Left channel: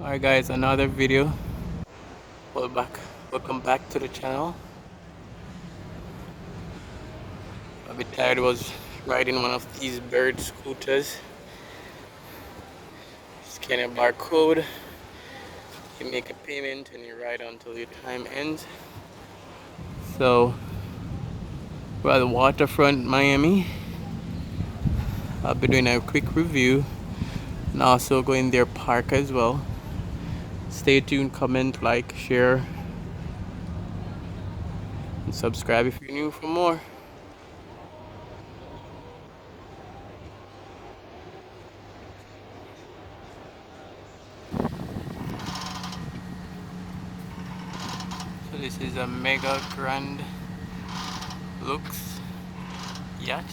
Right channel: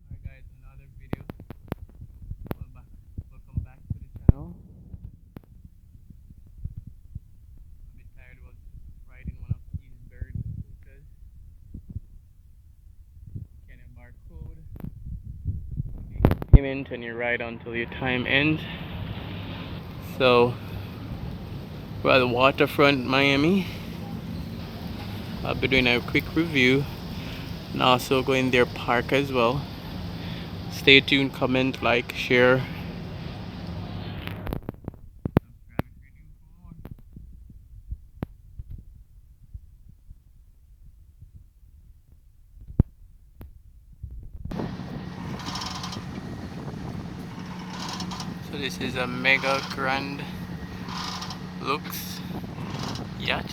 Alright guys, another video. Welcome back to the channel. A bit tired, was riding one of these bird scooters. Scan a barcode, you make a payment and you ride until your time ends. So we're at the waterfront Miami. I'll be doing a quick review and also go in their park as well. Stay tuned, comment, like, share, and subscribe if you're new for more. So this is a Mega Grand Lux yacht.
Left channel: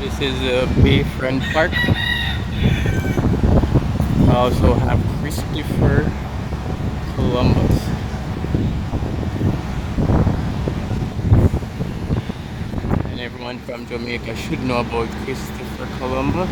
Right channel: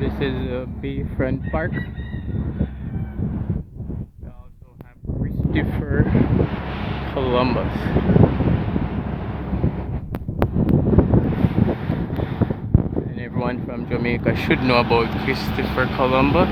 This is a Bayfront Park. I also have Christopher Columbus. And everyone from Jamaica should know about Christopher Columbus.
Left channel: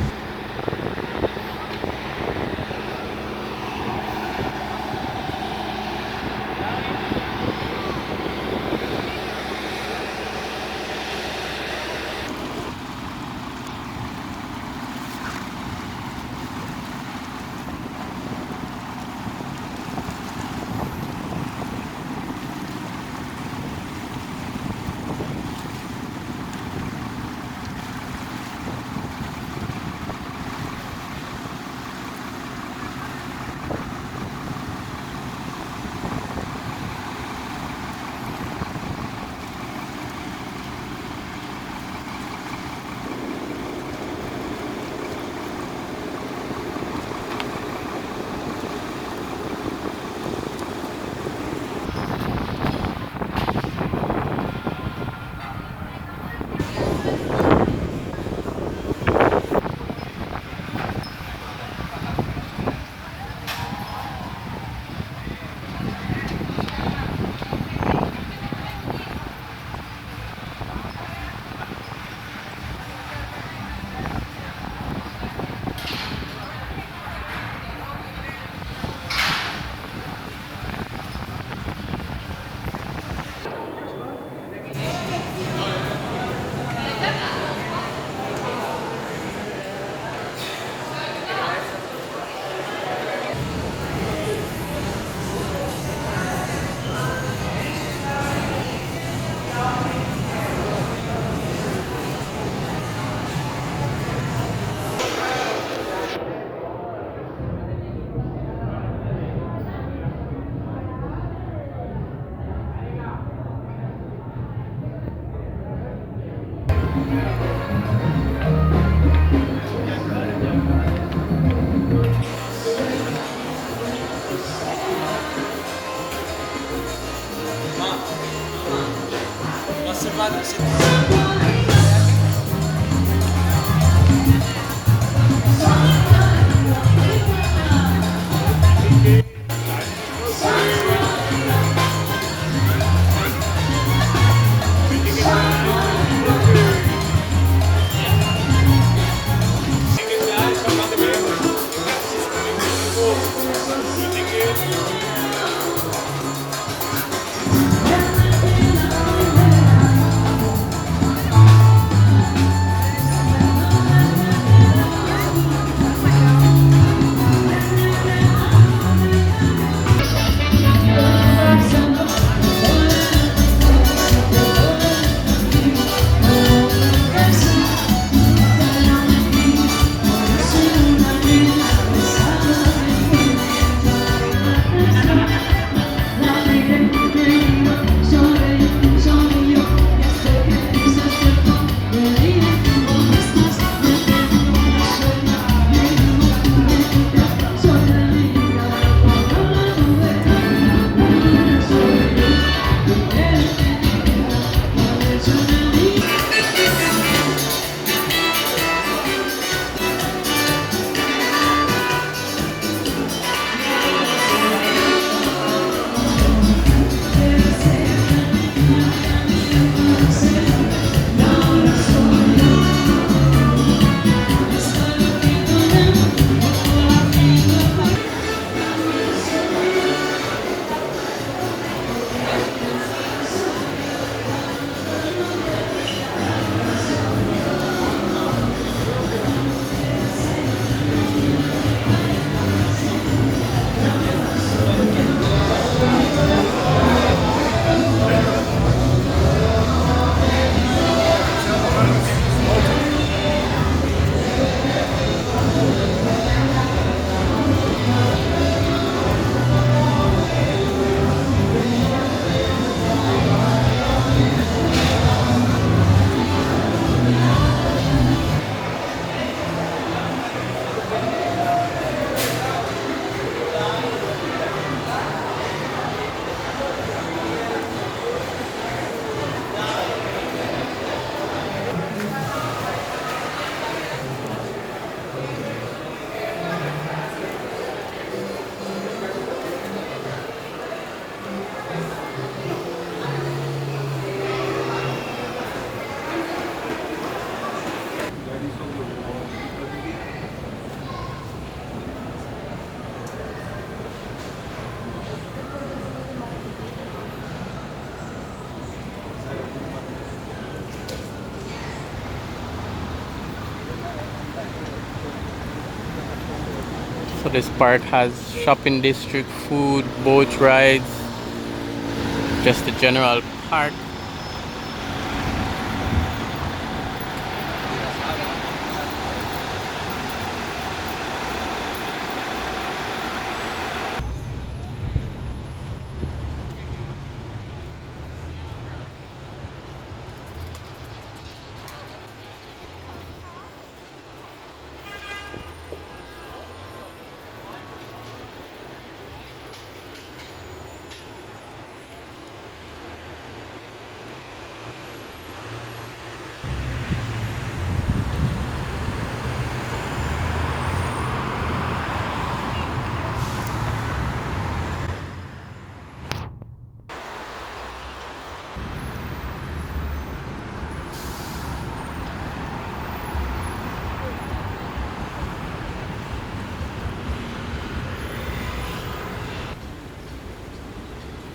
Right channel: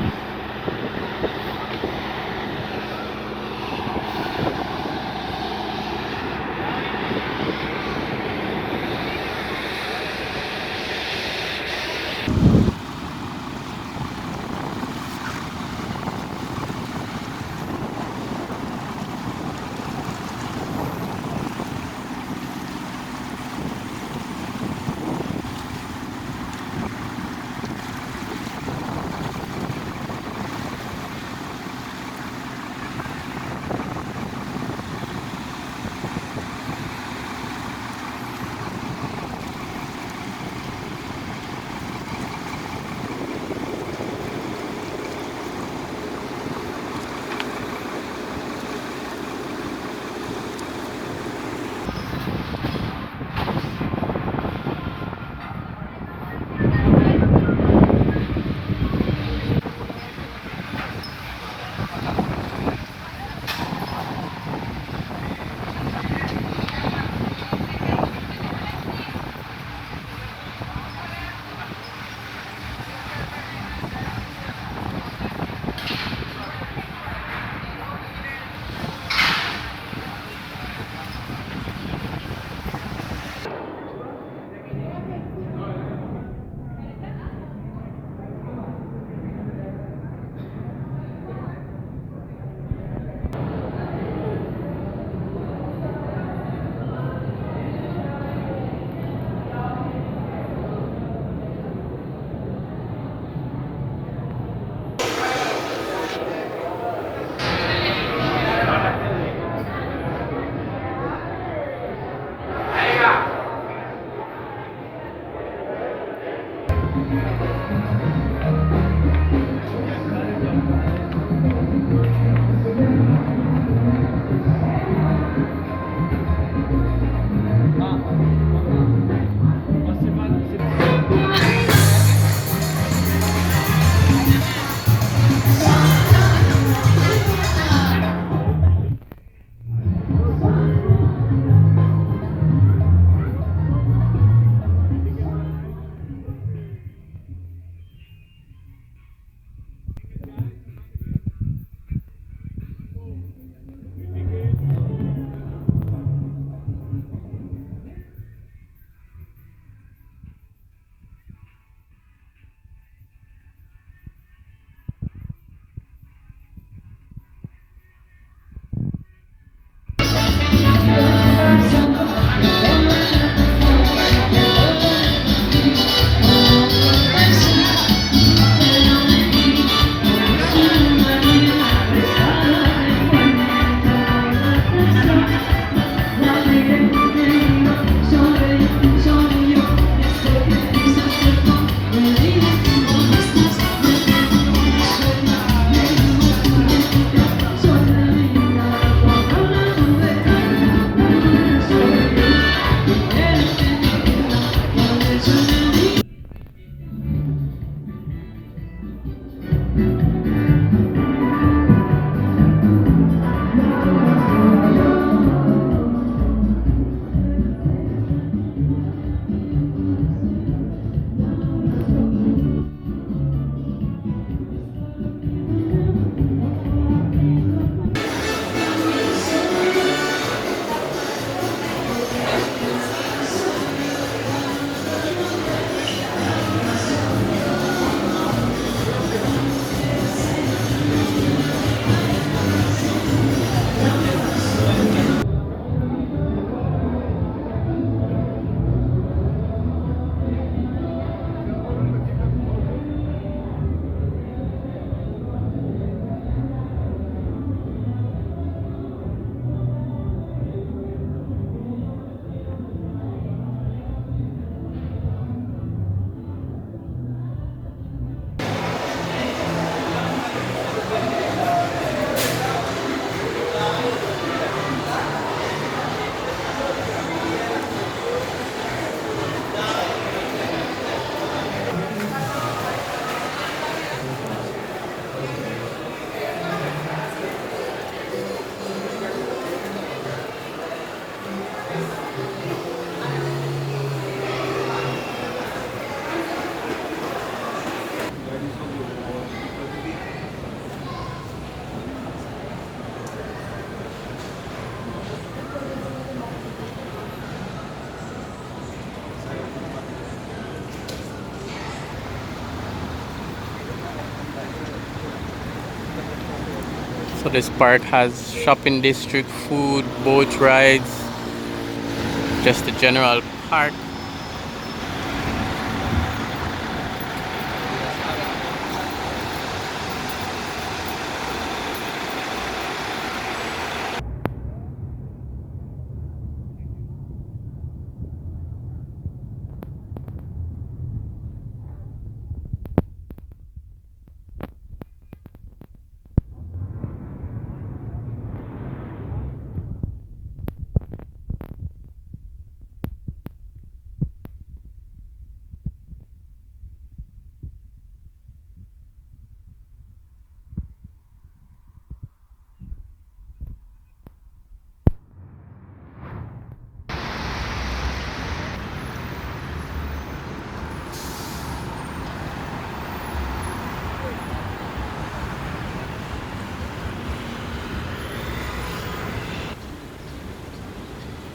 So this park has shopping district, food, boat rides, just a general park.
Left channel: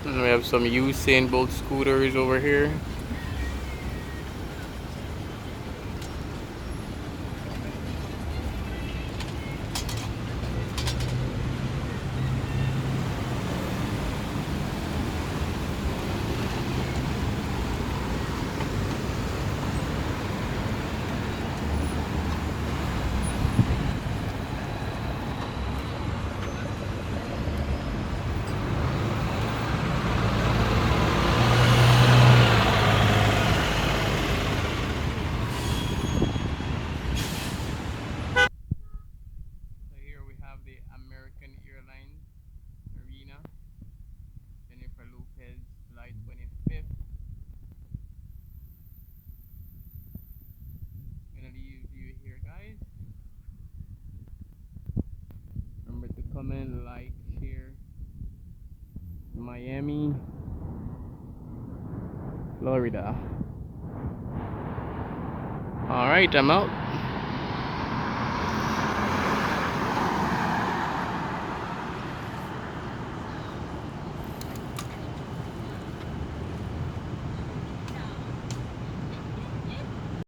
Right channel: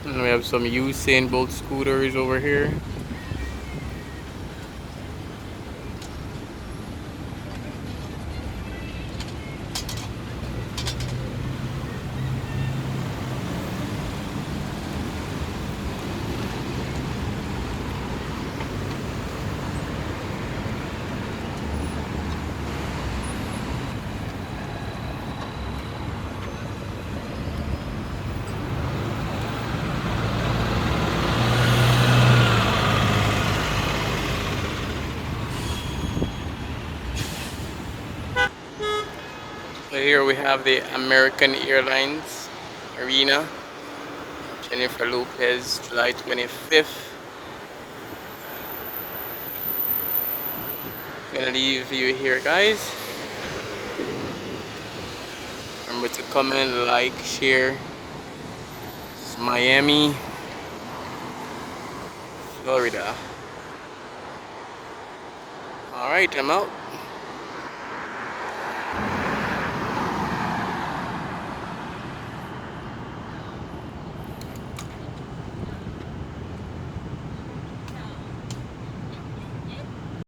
And we have some Usain Bolt scooters over here. So here we have the American Airlines Arena, Jennifer Lopez, July 25th. Gonna leave you here, guys. Remember to comment, like, share. This is Miami, Florida. Alright, I'm out.